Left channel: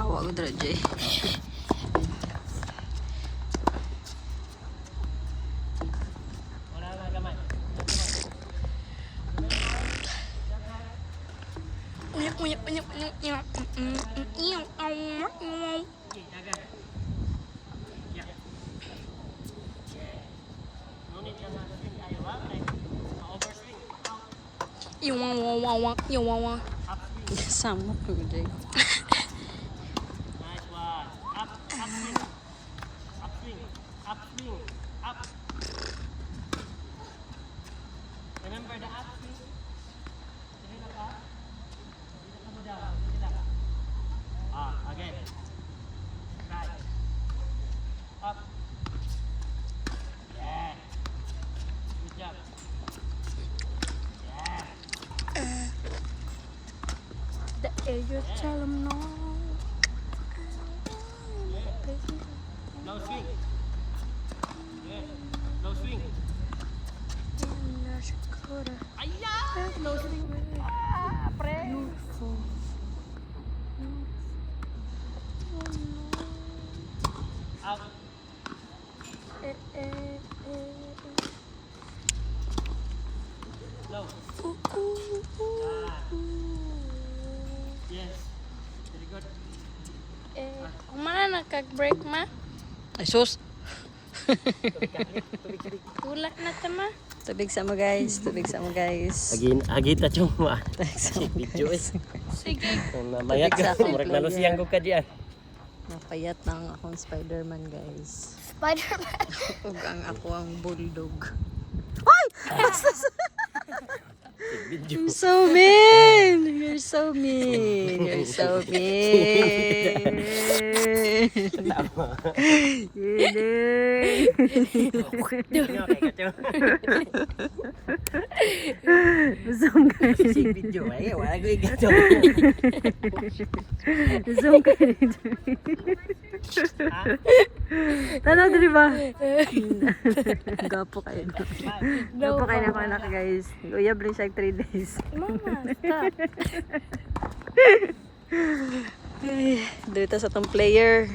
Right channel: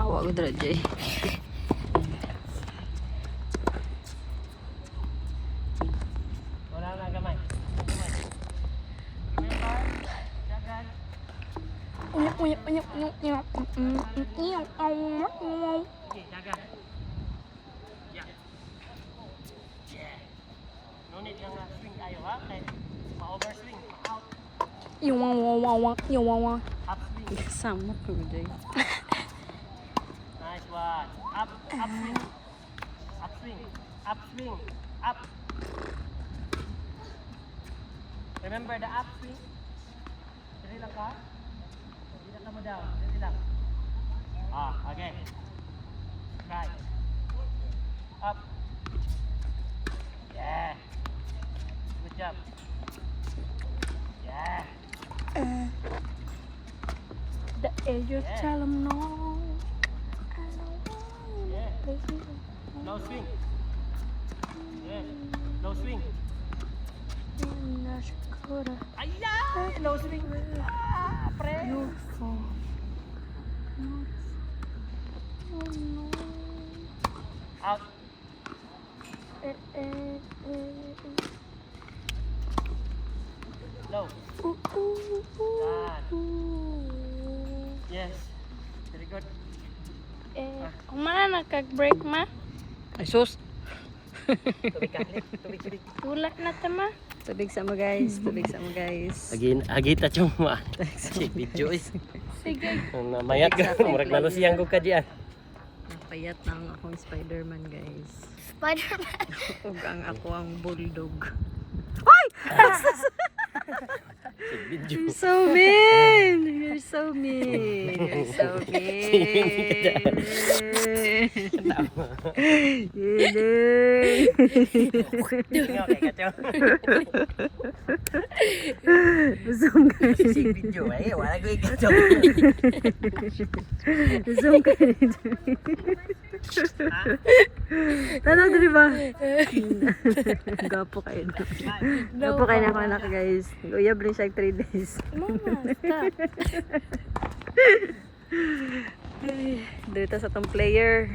Hawa ko dra, Jay. Wala na gamay. Okay, jaga. Yeah. Yeah. No need kang swing kayo ha. Okay. Ma-overswing. Out. Upswing. Sama ko, Jay. Nice one. Upswing. Upswing. Upswing. Up. Remember the upswing? Dali lang ka. Dali lang ka mo down. Dali lang. Ah, again. Try. Up. Yeah. Good job. Yeah. The air tell them no. Yeah. No swing. Yeah. No swing. Ayan! No swing. Ah, pre. Out. No. Yan. Yes. Very good. Kumana nagkag-break ma? Ay, sus. Tubig ka. Tubig. Wala na tama. Tubig sama, guys. Tubig sama, guys. Agita cuma. Si video is. Sige. Mamaya ka. Murag nalusiyang ko ka diyan. Napayat na ang akong Spider-Man, guys. Spider-Man. Ug ang ako ang bulldog. Video. You're so mean! You're so mean! You're so mean! Zoom ka. Si video ay wala ko igato. Zoom ka. Tanaw diri ba? Gapo kayo. Gapo kayo na ako anak, guys. Uyab lang siya 3 days. Mama, stop. Ay, dito sa tong player.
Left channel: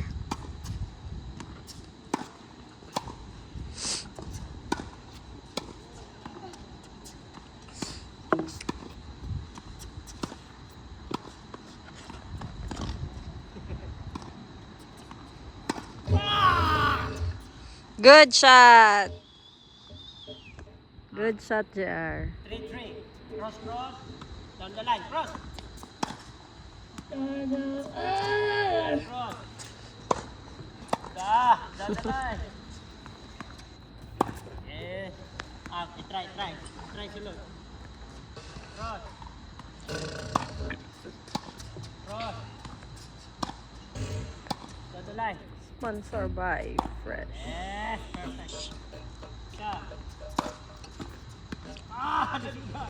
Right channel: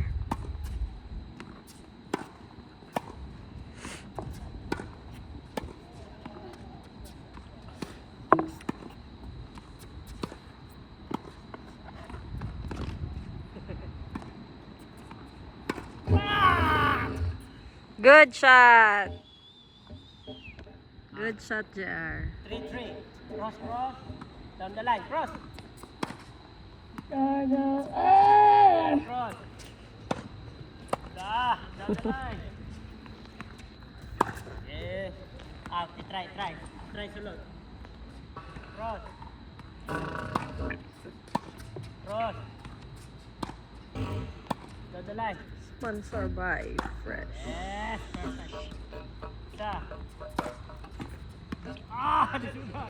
Good shot. Good shot, JR. 3-3. Cross. Down the line. Cross. Cross. Down the line. Yes. Try. Try sunod. Cross. Down the line. Sponsored by Fresh. Yes. Perfect. Siya. Di sudah.